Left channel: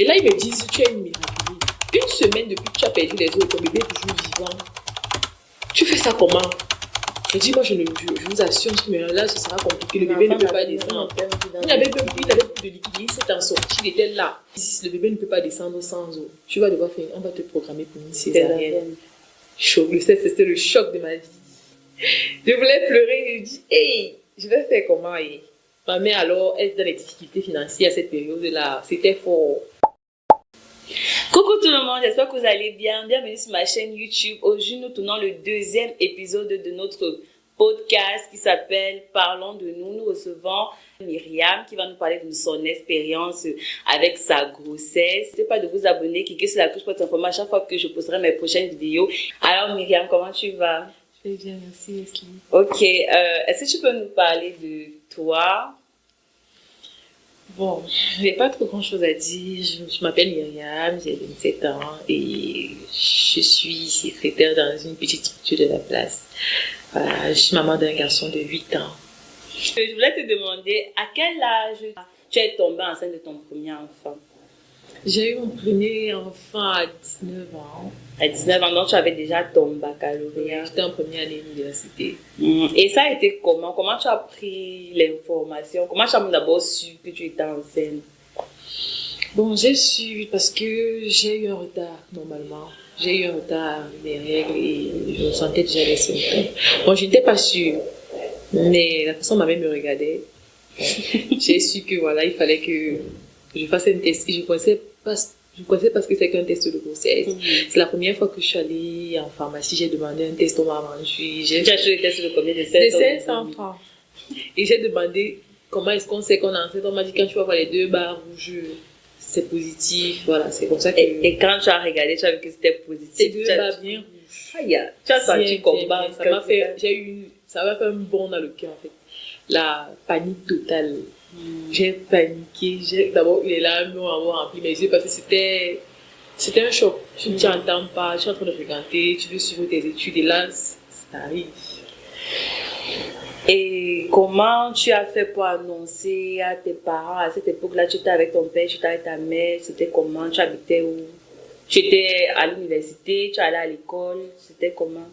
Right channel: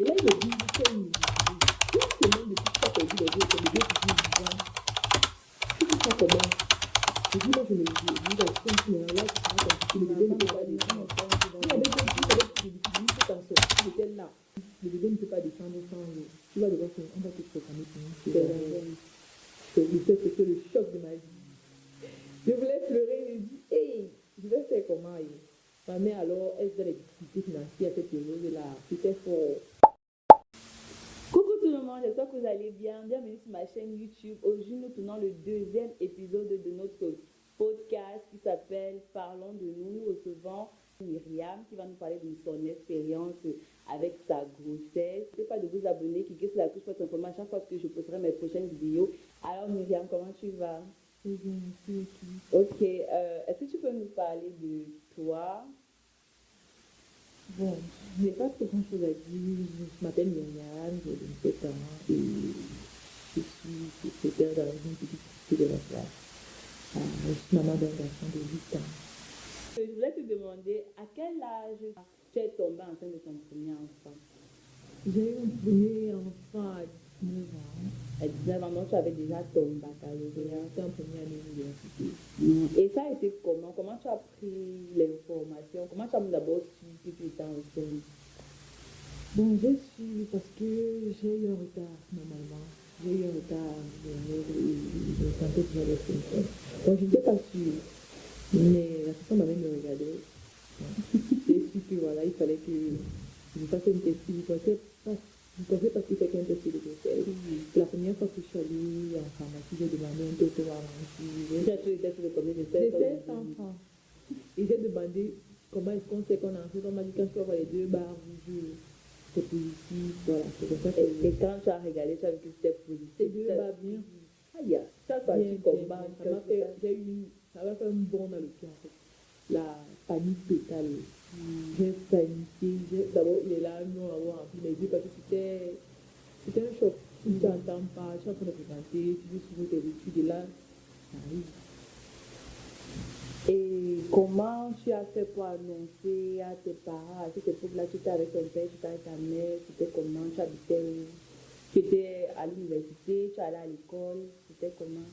Et là, ils me disent, tu es une miraculeuse. Une semaine depuis que tu as perdu les os, ton bébé est toujours vivant. Tu fais ça comment? Je dis, moi, je vous assure, mais là, ce sera compliqué. Le bébé ne peut pas descendre. Il n'avait plus de liquide, il s'est en sorti, il était là. Le bébé ne peut pas descendre sans eau. Tu vas devoir faire, on va te programmer pour une césarienne. Choc, c'était le choc de ma vie. Je voulais pleurer, je dis, hey, je vais faire comment? Et ma mère, alors, elle était dans les difficultés financières à cette période-là. C'était fort. Coucou tout le monde, j'espère que vous allez bien. Bienvenue sur ma chaîne YouTube. Aujourd'hui, nous tournons le deuxième épisode de notre podcast qui s'appelle Parlons de nous. Nous recevons Myriam qui va nous parler de son expérience avec sa grossesse. N'hésitez pas de vous abonner, cliquez sur la cloche pour être informé à chaque fois que je posterai mes prochaines vidéos. Alors Myriam, comment tu vas? Je vais bien, merci Leslie. Ok, est-ce que tu peux nous parler de toi? Bon, je n'ai pas trop grand-chose à dire. Je m'appelle Myriam, j'ai 27 ans et je suis secrétaire dans une petite structure de la place. Voilà, je suis maman d'un garçon de 8 ans. Je voulais te demander à quel âge tu es tombée enceinte de ton premier enfant? J'ai eu mon premier enfant à 19 ans. À 19 ans, donc tu avais déjà ton baccalauréat. J'étais en première année d'université. Et ça a été comment? Comment tu as pris l'information? Comment tu as d'abord su que tu étais enceinte? Bon, j'ai su parce que j'ai eu un retard normalement. J'ai eu un retard des règles et je sentais déjà les symptômes. Bon, je n'étais pas sûre, mais la façon dont ma mère me regardait, j'ai su que voilà, il fallait que je fasse un test. Et je connaissais parce que c'est qu'un test de grossesse. C'est la première fois que je suis allée en pharmacie, j'ai demandé un test, on m'a vendu. Tu as fait le test de combien? De 500 francs. Et j'ai demandé comment est-ce qu'on sait qu'on est enceinte. On m'a dit quand tu vas voir les 2 barres rouges, c'est positif. Voilà, c'est comme ça que... Et quand tu as regardé, tu as vu que c'était positif. C'est 2 barres bien rouges. Aïe, tu as senti combat. Ça m'a fait un bond dans le cœur en fait. La panique totale. J'ai paniqué. D'abord, les larmes m'ont rempli mes yeux parce que c'était un choc. Tu ne t'entends pas, tu es en train de fréquenter, tu veux suivre tes études et là, ça arrive. Et comment tu as fait pour annoncer à tes parents à cette époque-là? Tu étais avec ton père, tu étais avec ta mère, c'était comment? Tu habitais où? Tu étais à l'université, tu allais à l'école, c'était comment?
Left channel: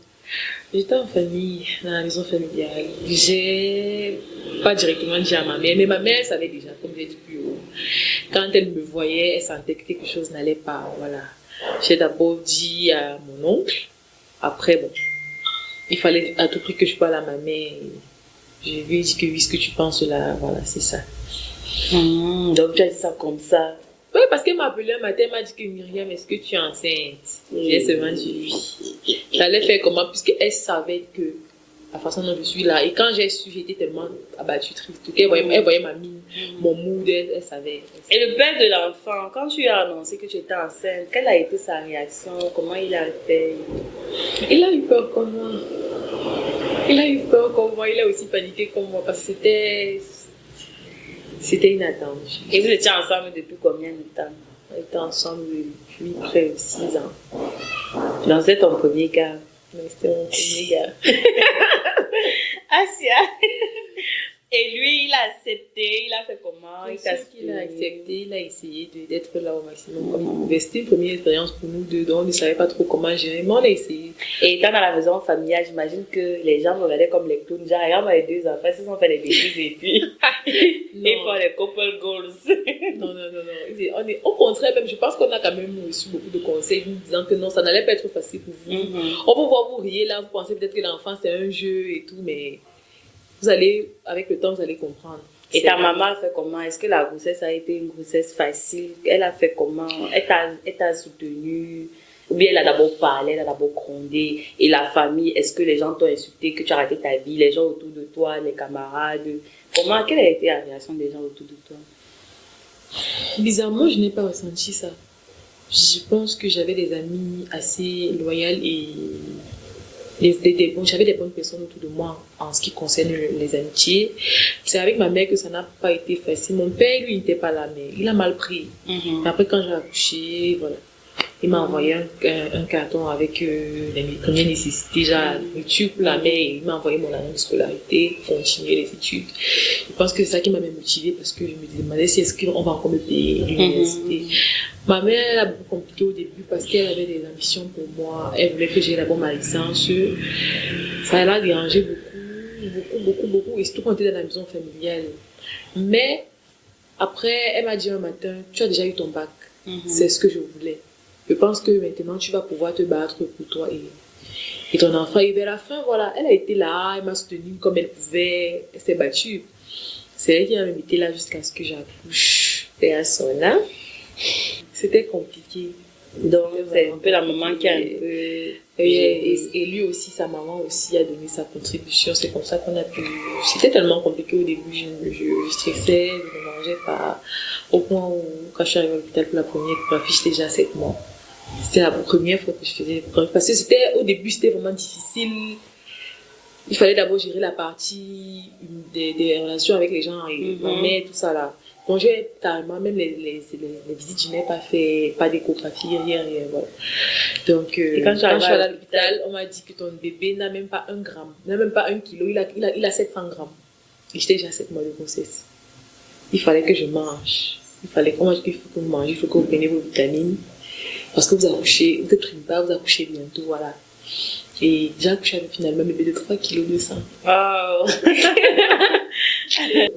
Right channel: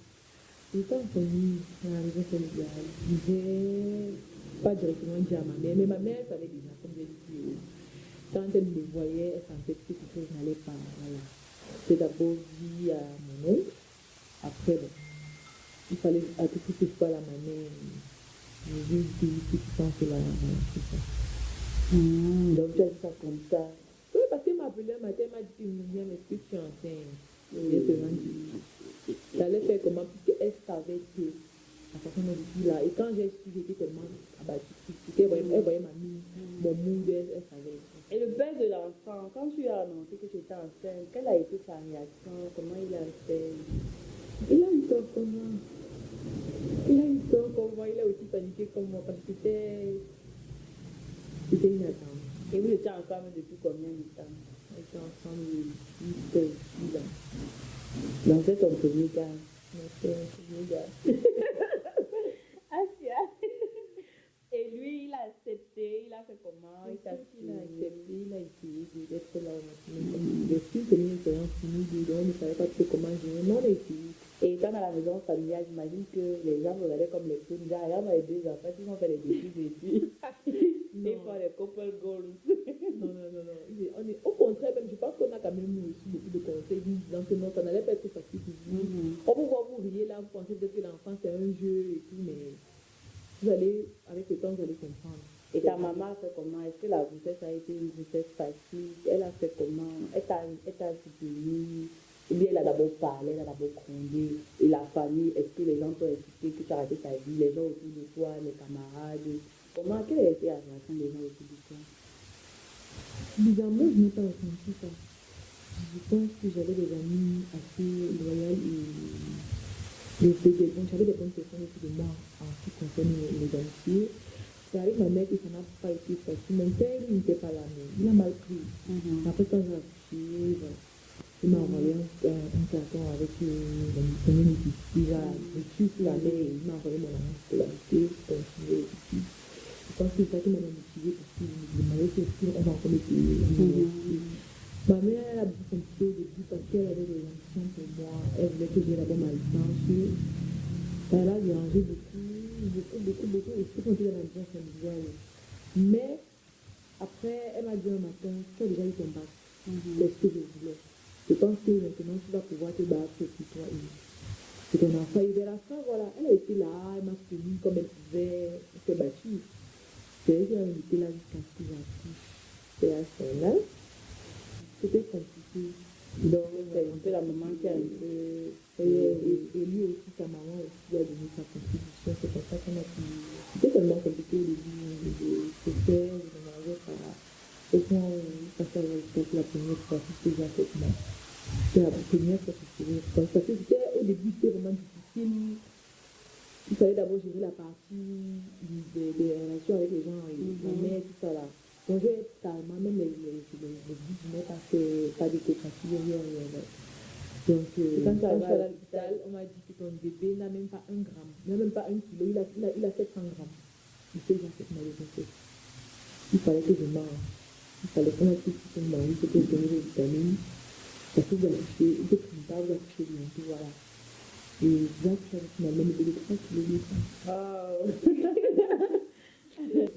J'étais en famille, dans la maison familiale. J'ai pas directement dit à ma mère, mais ma mère savait déjà, comme j'ai dit plus haut. Quand elle me voyait, elle sentait que quelque chose n'allait pas. Voilà. J'ai d'abord dit à mon oncle. Après, bon, il fallait à tout prix que je parle à ma mère. Je lui ai dit que oui, ce que tu penses là, voilà, c'est ça. Donc tu as dit ça comme ça? Oui, parce qu'elle m'a appelé un matin, elle m'a dit que Myriam, est-ce que tu es enceinte? J'ai seulement dit oui. J'allais faire comment, puisqu'elle savait que la façon dont je suis là. Et quand j'ai su, j'étais tellement abattue, triste. Elle voyait ma mine, mon mood, elle savait. Et le père de l'enfant, quand tu as annoncé que tu étais enceinte, quelle a été sa réaction? Comment il a fait? Il a eu peur comme moi. Il a aussi paniqué comme moi parce que c'était inattendu. Et vous étiez ensemble depuis combien de temps? On était ensemble depuis près de 6 ans. Donc c'était ton premier gars? Oui, c'était mon premier gars. Asia. Et lui, il a accepté, il a fait comment? Il a accepté, il a essayé d'être là au maximum comme il pouvait. C'était une première expérience pour nous deux, donc on ne savait pas trop comment gérer, mais on a essayé. Et étant dans la maison familiale, j'imagine que les gens me regardaient comme les clowns. Genre, regarde les 2 enfants, ils ont fait des bêtises et puis ils font les couple goals. Non. Au contraire, même, je pense qu'on a quand même reçu beaucoup de conseils nous disant que non, ça n'allait pas être facile pour vous. On peut voir vous riez là, vous pensez peut-être que l'enfant c'est un jeu et tout, mais vous allez, avec le temps, vous allez comprendre. Et ta maman a fait comment? Est-ce que la grossesse a été une grossesse facile? Elle a fait comment? Elle t'a soutenue? Ou bien elle a d'abord parlé, elle a d'abord grondé? Et la famille, est-ce que les gens t'ont insulté, que tu as arrêté ta vie, les gens autour de toi, les camarades? Quelle a été la réaction des gens autour de toi? Bizarrement, je n'ai pas ressenti ça. Je pense que j'avais des amis assez loyaux et j'avais des bonnes personnes autour de moi en ce qui concerne les amitiés. C'est avec ma mère que ça n'a pas été facile. Mon père, lui, n'était pas là, mais il a mal pris. Après, quand j'ai accouché, voilà, il m'a envoyé un carton avec les premières nécessités, genre la nourriture pour la mère, et il m'a envoyé mon annonce de scolarité pour continuer les études. Je pense que c'est ça qui m'a motivée parce que je me demandais si est-ce qu'on va encore me payer l'université. Ma mère, elle a beaucoup compliqué au début parce qu'elle avait des ambitions pour moi. Elle voulait que j'aie d'abord ma licence. Ça l'a dérangé beaucoup. Et surtout quand on était dans la maison familiale. Mais après, elle m'a dit un matin, tu as déjà eu ton bac. C'est ce que je voulais. Je pense que maintenant, tu vas pouvoir te battre pour toi et ton enfant. Et vers la fin, voilà, elle a été là, elle m'a soutenue comme elle pouvait. Elle s'est battue. C'est elle qui m'a même été là jusqu'à ce que j'accouche. Et à son âme. C'était compliqué. Donc, c'est un peu la maman qui a un peu... Et lui aussi, sa maman aussi a donné sa contribution. C'est comme ça qu'on a pu... C'était tellement compliqué au début. Je stressais, je ne mangeais pas. Au point où, quand je suis arrivée à l'hôpital pour la première fois, j'étais déjà 7 mois. C'était la première fois que je faisais... Parce que au début, c'était vraiment difficile. Il fallait d'abord gérer la partie des relations avec les gens et ma mère, tout ça là. Donc, j'ai carrément, même les visites, je n'ai pas fait, pas d'échographie, rien, voilà. Donc, quand je suis allée à l'hôpital, on m'a dit que ton bébé n'a même pas 1 gramme, n'a même pas 1 kilo, il a 700 grammes. Et j'étais déjà à 7 mois de grossesse. Il fallait que je mange. On m'a dit qu'il faut que vous mangez, il faut que vous preniez vos vitamines. Parce que vous accouchez, vous êtes pas, vous accouchez bientôt, voilà. Et j'ai accouché avec finalement un bébé de 3 kg de sang. Wow.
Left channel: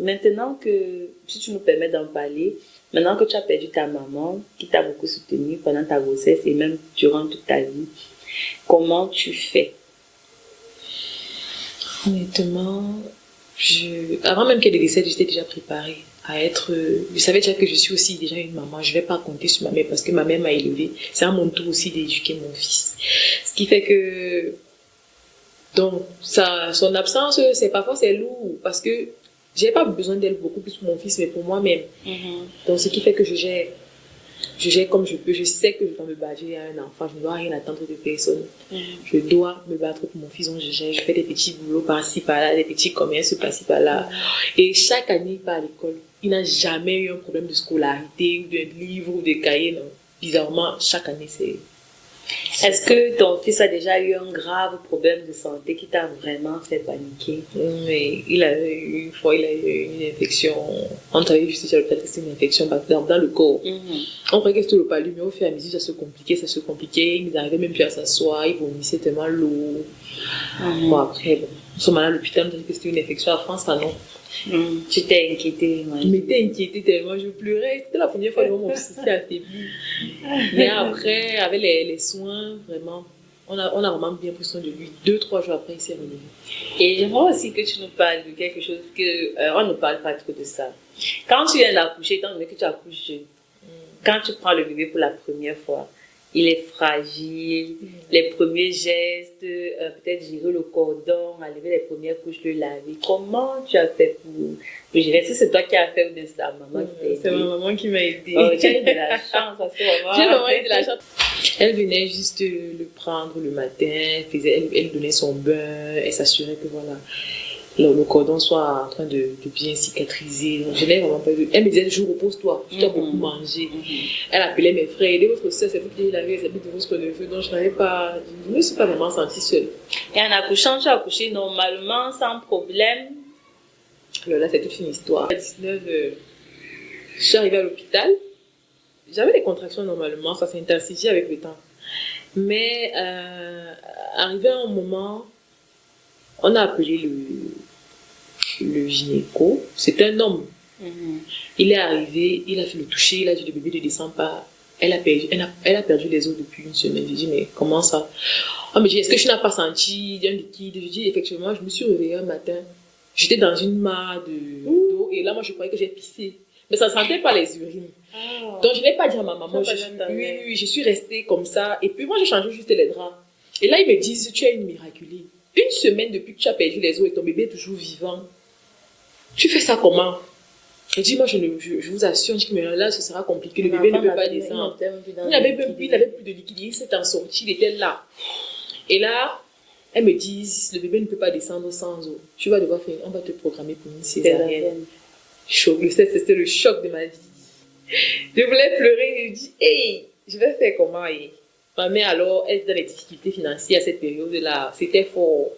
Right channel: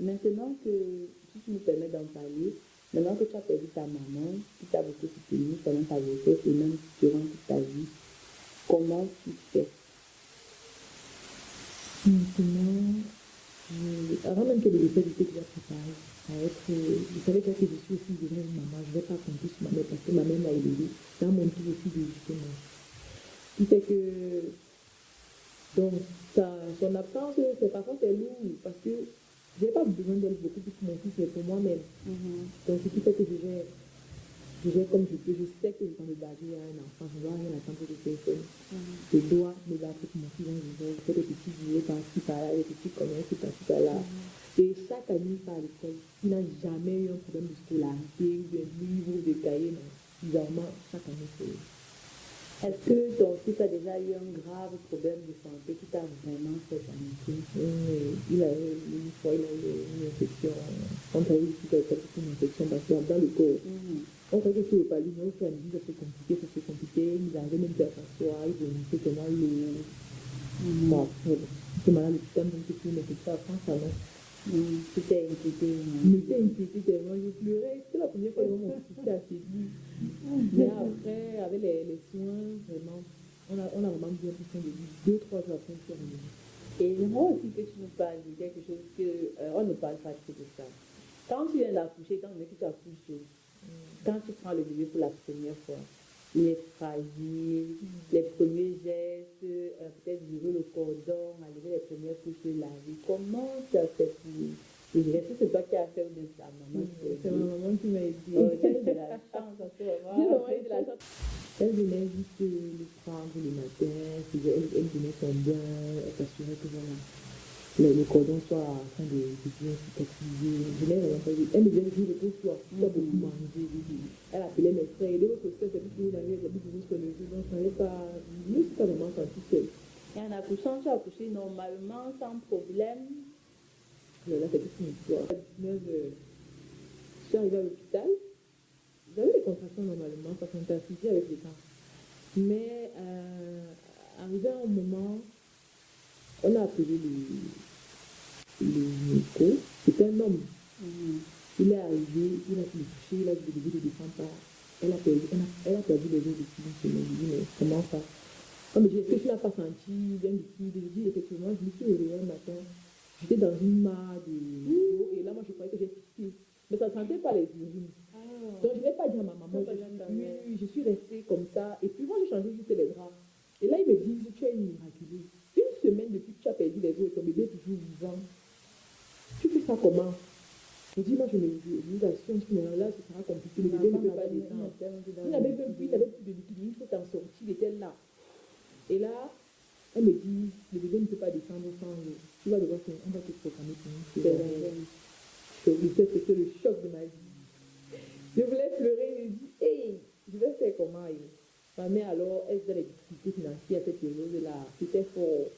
Maintenant que, si tu nous permets d'en parler, maintenant que tu as perdu ta maman, qui t'a beaucoup soutenue pendant ta grossesse et même durant toute ta vie, comment tu fais? Honnêtement, avant même qu'elle décède, j'étais déjà préparée à être... Je savais déjà que je suis aussi déjà une maman. Je ne vais pas compter sur ma mère parce que ma mère m'a élevée. C'est à mon tour aussi d'éduquer mon fils. Ce qui fait que... Donc, son absence, parfois c'est lourd parce que j'ai pas besoin d'elle beaucoup plus pour mon fils, mais pour moi-même. Donc, ce qui fait que je gère comme je peux. Je sais que je dois me battre à un enfant. Je ne dois rien attendre de personne. Je dois me battre pour mon fils. Donc, je fais des petits boulots par-ci, par-là, des petits commerces par-ci, par-là. Et chaque année, il part à l'école. Il n'a jamais eu un problème de scolarité, ou de livre, ou de cahier. Non. Bizarrement, chaque année, c'est... Est-ce que ton fils a déjà eu un grave problème de santé qui t'a vraiment fait paniquer? Oui, une fois, il a eu une infection. On travaillait juste sur le plateau, c'était une infection dans le corps. On croyait que c'était le palu, mais au fur et à mesure, ça se compliquait. Il n'arrivait même plus à s'asseoir, il vomissait tellement lourd. Bon, après, nous sommes allés à l'hôpital, on a dit que c'était une infection à France, non. Tu t'es inquiétée? Je m'étais inquiétée tellement, je pleurais. C'était la première fois que mon fils s'était affaibli. Mais après, avec les soins, vraiment, on a vraiment bien pris soin de lui. 2-3 jours après, il s'est relevé. Et j'aimerais aussi que tu nous parles de quelque chose on ne parle pas trop de ça. Quand tu viens d'accoucher, étant donné que tu accouches jeune, quand tu prends le bébé pour la première fois, il est fragile, les premiers gestes, peut-être gérer le cordon, enlever les premières couches, le laver. Comment tu as fait pour gérer? Est-ce que c'est toi qui as fait ou bien c'est ta maman qui t'a aidé? C'est ma maman qui m'a aidée. Oh, tu as eu de la chance parce que vraiment... J'ai vraiment eu de la chance. Elle venait juste le prendre le matin, elle donnait son bain, elle s'assurait que voilà, le cordon soit en train de bien cicatriser. Je n'ai vraiment pas eu. Elle me disait toujours repose-toi, tu dois beaucoup manger. Elle appelait mes frères, aidez votre soeur, c'est vous qui l'avez, c'est vous de votre neveu. Donc je ne me suis pas vraiment sentie seule. Et en accouchant, tu as accouché normalement, sans problème? Alors là, c'est toute une histoire. À 19, je suis arrivée à l'hôpital. J'avais des contractions normalement, ça s'est intensifié avec le temps. Mais arrivé à un moment, on a appelé le gynéco. C'est un homme. Il est arrivé, il a fait le toucher, il a dit le bébé ne descend pas. Elle a perdu les os depuis une semaine. Je dis mais comment ça? On me dit est-ce que tu n'as pas senti un liquide? Je dis effectivement, je me suis réveillée un matin. J'étais dans une mare d'eau et là moi je croyais que j'ai pissé. Mais ça ne sentait pas les urines. Donc je n'ai pas dit à ma maman. Je suis restée comme ça. Et puis moi j'ai changé juste les draps. Et là ils me disent tu es une miraculée. Une semaine depuis que tu as perdu les os et ton bébé est toujours vivant. Tu fais ça comment? Je dis moi je vous assure que là ce sera compliqué. Le bébé ne peut pas descendre. Il n'avait plus de liquide. Il s'est en sorti, il était là. Et là elles me disent le bébé ne peut pas descendre sans eau. Tu vas devoir faire, on va te programmer pour une césarienne. C'était le choc de ma vie. Je voulais pleurer, je dis, hey, je vais faire comment? Et ma mère, alors, elle était dans les difficultés financières à cette période-là. C'était fort.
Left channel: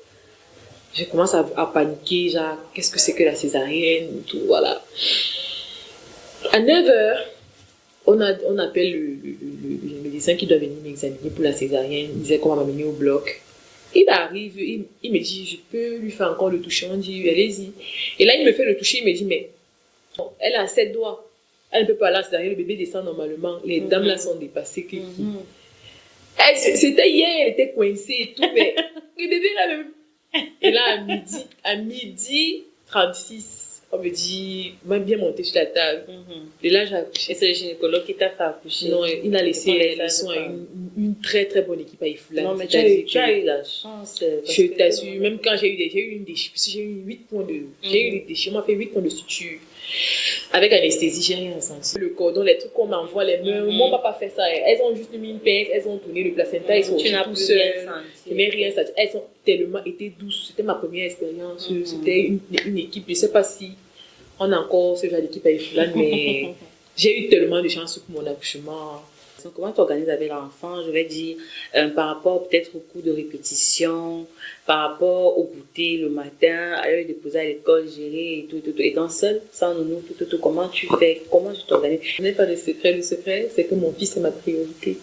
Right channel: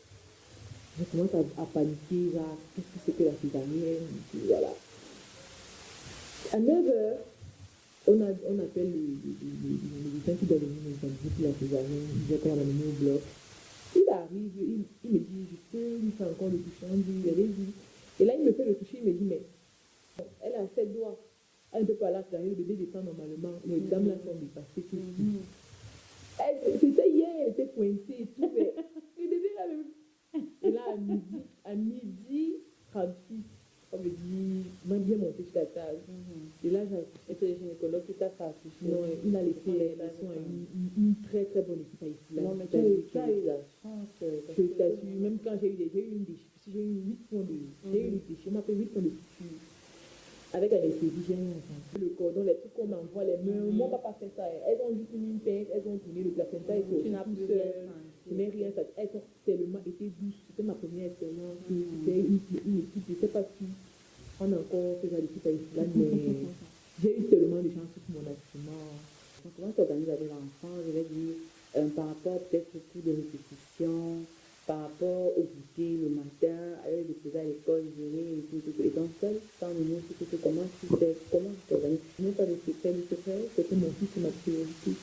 Je commence à paniquer, genre, qu'est-ce que c'est que la césarienne? Tout, voilà. À 9h, on appelle le médecin qui doit venir m'examiner pour la césarienne. Il disait qu'on va m'amener au bloc. Il arrive, il me dit, je peux lui faire encore le toucher. On dit, allez-y. Et là, il me fait le toucher, il me dit, mais elle a 7 doigts. Elle ne peut pas aller à la césarienne, le bébé descend normalement. Les dames là sont dépassées. C'était hier, elle était coincée et tout, mais le bébé là même. Et là, à midi 36, on me dit, on m'a bien monté sur la table. Et là, j'ai accouché. Et c'est le gynécologue qui t'a fait accoucher? Non, il a laissé les soins à une très très bonne équipe à Ifoula. Non, mais tu as eu la chance. Je t'assure, même quand j'ai eu une déchirure, j'ai eu 8 points de. J'ai eu des déchirures, on m'a fait 8 points de suture. Avec anesthésie, j'ai rien ressenti. Le cordon, les trucs qu'on m'envoie, les mains, moi, on m'a pas fait ça. Elles ont juste mis une pince, elles ont tourné le placenta, ils sont tu n'as tout plus seuls. rien senti. Je n'ai rien senti. Elles ont tellement été douces. C'était ma première expérience. C'était une équipe. Je ne sais pas si on a encore ce genre d'équipe à Ifoula, mais j'ai eu tellement de chance pour mon accouchement. Comment tu organises avec l'enfant? Je vais dire, par rapport peut-être au cours de répétition, par rapport au goûter le matin, aller le déposer à l'école, gérer et tout. Étant seule, sans nounou, tout, comment tu fais? Comment tu t'organises? Je n'ai pas de secret. Le secret, c'est que mon fils est ma priorité.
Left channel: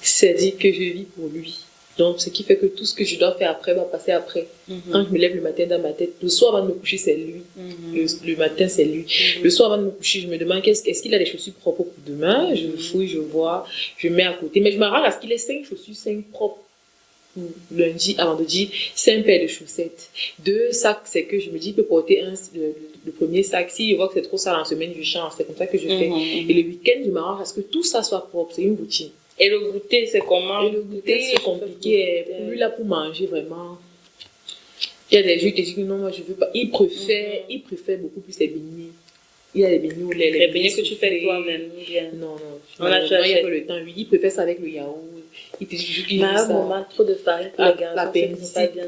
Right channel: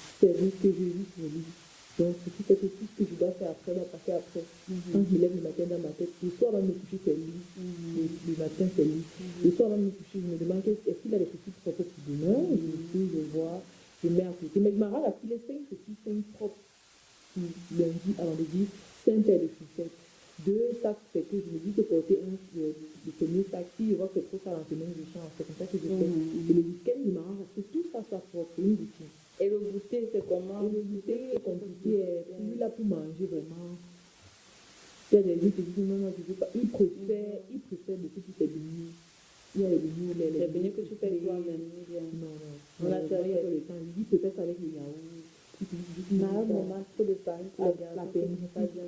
C'est-à-dire que je vis pour lui. Donc, ce qui fait que tout ce que je dois faire après va passer après. Quand je me lève le matin dans ma tête, le soir avant de me coucher, c'est lui. Le matin, c'est lui. Le soir avant de me coucher, je me demande est-ce qu'il a des chaussures propres pour demain. Je fouille, je vois, je mets à côté. Mais je m'arrange à ce qu'il ait 5 chaussures, 5 propres. Lundi à vendredi, 5 paires de chaussettes. 2 sacs, c'est que je me dis, il peut porter le premier sac. Si je vois que c'est trop sale en semaine, je change. C'est comme ça que je fais. Et le week-end, je m'arrange à ce que tout ça soit propre. C'est une routine. Et le goûter, c'est comment? Et le goûter, c'est compliqué. Pour lui, là, pour manger, vraiment. Il y a des jours qui disent que non, moi, je veux pas. Il préfère beaucoup plus les beignets. Il y a les beignets au lait. Les beignets que tu fais toi-même. Non. On a il n'y a pas le temps. Lui, il préfère ça avec le yaourt. Il te dit toujours qu'il veut ça. Maman, trop de farine pour les garçons.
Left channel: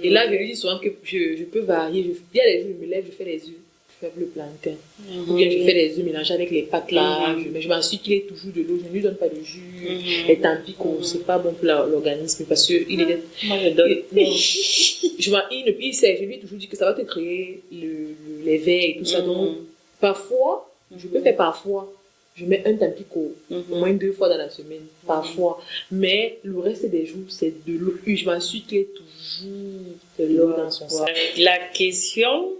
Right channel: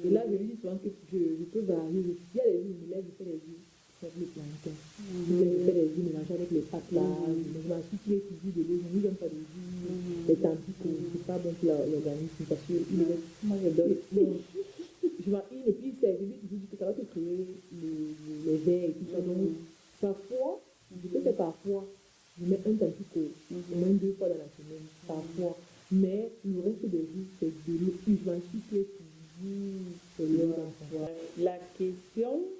Et là, je lui dis souvent que je peux varier. Il y a des jours, je me lève, je fais les œufs. Je fais le plantain. Ou bien je fais les œufs mélangés avec les pâtes là. Mais je m'assure qu'il ait toujours de l'eau. Je ne lui donne pas de jus. Les tampico, c'est pas bon pour l'organisme parce que il est. Moi, je donne. Je lui ai toujours dit que ça va te créer les vers et tout ça. Donc, parfois, je peux faire parfois. Je mets un tampico au moins 2 fois dans la semaine, parfois. Mais le reste des jours, c'est de l'eau. Je m'assure qu'il y ait toujours de l'eau dans son sac. La question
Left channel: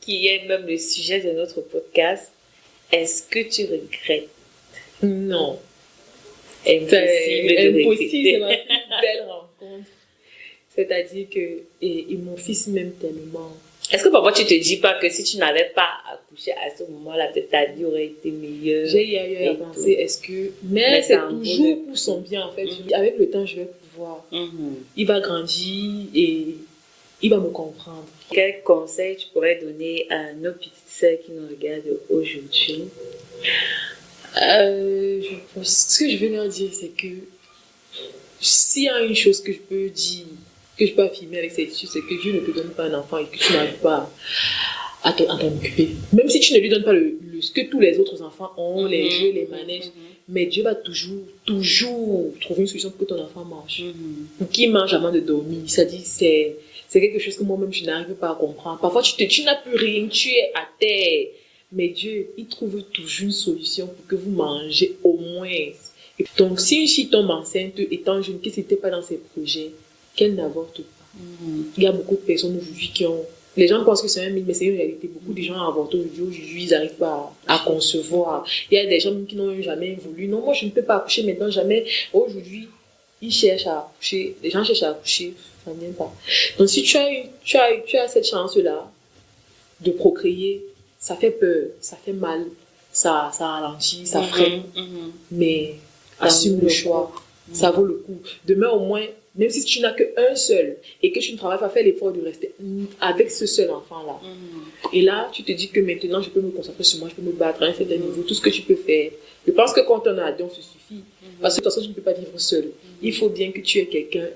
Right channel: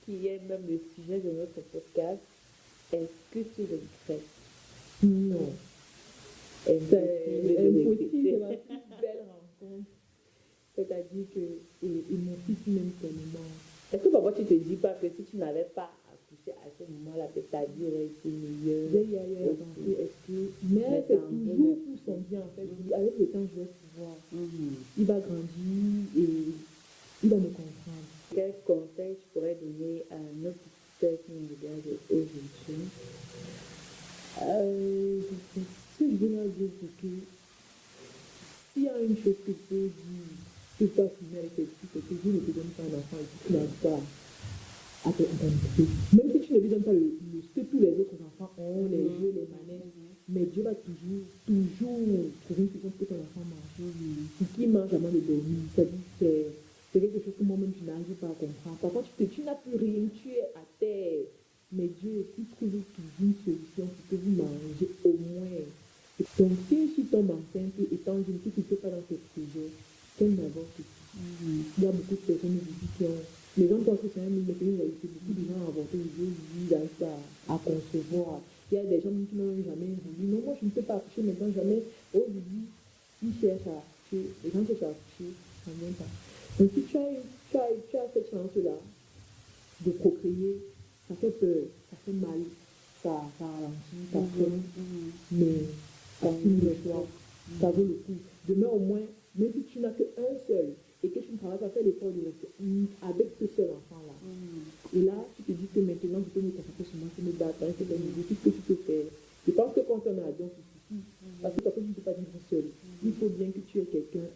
qui est même le sujet de notre podcast, est-ce que tu regrettes? Non. Impossible, c'est ma plus belle rencontre. C'est-à-dire que mon fils m'aime tellement. Est-ce que parfois tu te dis pas que si tu n'avais pas accouché à ce moment-là, peut-être ta vie aurait été meilleure? J'ai eu à penser, mais c'est toujours pour son bien en fait. Avec le temps, je vais pouvoir. Il va grandir et il va me comprendre. Quel conseil tu pourrais donner à nos petites sœurs qui nous regardent aujourd'hui? Ce que je veux leur dire, c'est que s'il y a une chose que je peux dire, que je peux affirmer avec cette étude, c'est que Dieu ne te donne pas un enfant et que tu n'arrives pas à t'en occuper. Même si tu ne lui donnes pas ce que tous les autres enfants ont, les jeux, les manèges, mais Dieu va toujours trouver une solution pour que ton enfant mange. Pour qu'il mange avant de dormir. C'est-à-dire, c'est quelque chose que moi-même, je n'arrive pas à comprendre. Parfois, tu n'as plus rien, tu es à terre. Mais Dieu, il trouve toujours une solution pour que vous mangez au moins. Et donc, si une fille tombe enceinte étant jeune, qui n'était pas dans ses projets, qu'elle n'avorte pas. Il y a beaucoup de personnes aujourd'hui qui ont... Les gens pensent que c'est un mythe, mais c'est une réalité. Beaucoup de gens avortent aujourd'hui, ils n'arrivent pas à concevoir. Il y a des gens qui n'ont jamais voulu. Non, moi, je ne peux pas accoucher maintenant, jamais. Aujourd'hui, ils cherchent à accoucher. Les gens cherchent à accoucher, ça ne vient pas. Donc, si tu as cette chance-là de procréer, ça fait peur, ça fait mal, ça ralentit, ça freine. Mais assume le choix. Ça vaut le coup. Demain, au moins, même si tu n'as qu'un seul et que tu ne travailles pas, fais l'effort de rester avec ce seul enfant-là. Et là, tu te dis que maintenant, je peux me concentrer sur moi, je peux me battre à un certain niveau, tout ce que tu peux faire. Je pense que quand on a deux, ça suffit. Parce que de toute façon, tu ne peux pas vivre seul. Il faut bien que tu aies quelqu'un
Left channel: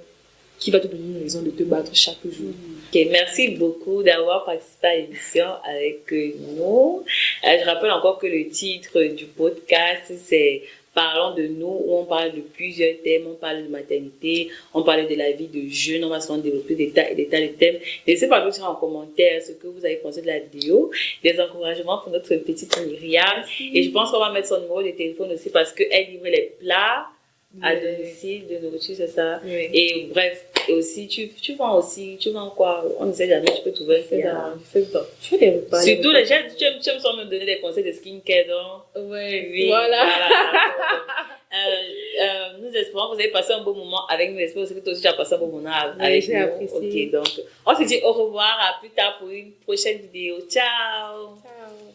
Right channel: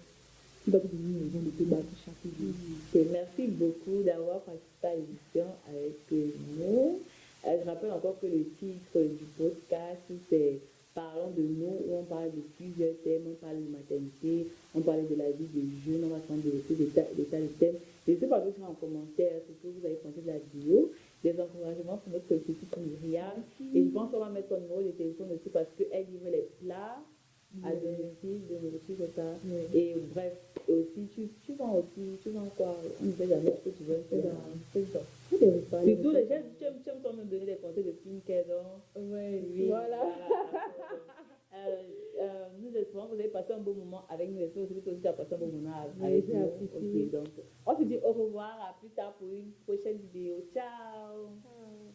qui va te donner une raison de te battre chaque jour. Okay, merci beaucoup d'avoir participé à l'émission avec nous. Je rappelle encore que le titre du podcast, c'est Parlons de nous, où on parle de plusieurs thèmes, on parle de maternité, on parle de la vie de jeune, on va souvent développer des tas de thèmes. Laissez par exemple en commentaire ce que vous avez pensé de la vidéo, des encouragements pour notre petite Myriam. Et je pense qu'on va mettre son numéro de téléphone aussi parce qu'elle livre les plats à domicile de nourriture, c'est ça. Oui. Et bref, et aussi, tu vends quoi? On ne sait jamais, tu peux trouver un client. Tu fais des repas. Surtout, les gens, tu aimes souvent me donner des conseils de skincare, donc. Oui, voilà. Nous espérons que vous avez passé un bon moment avec nous. J'espère aussi que toi aussi tu as passé un bon moment avec j'ai nous. apprécié. Ok, donc, on se dit au revoir, à plus tard pour une prochaine vidéo. Ciao! Ciao.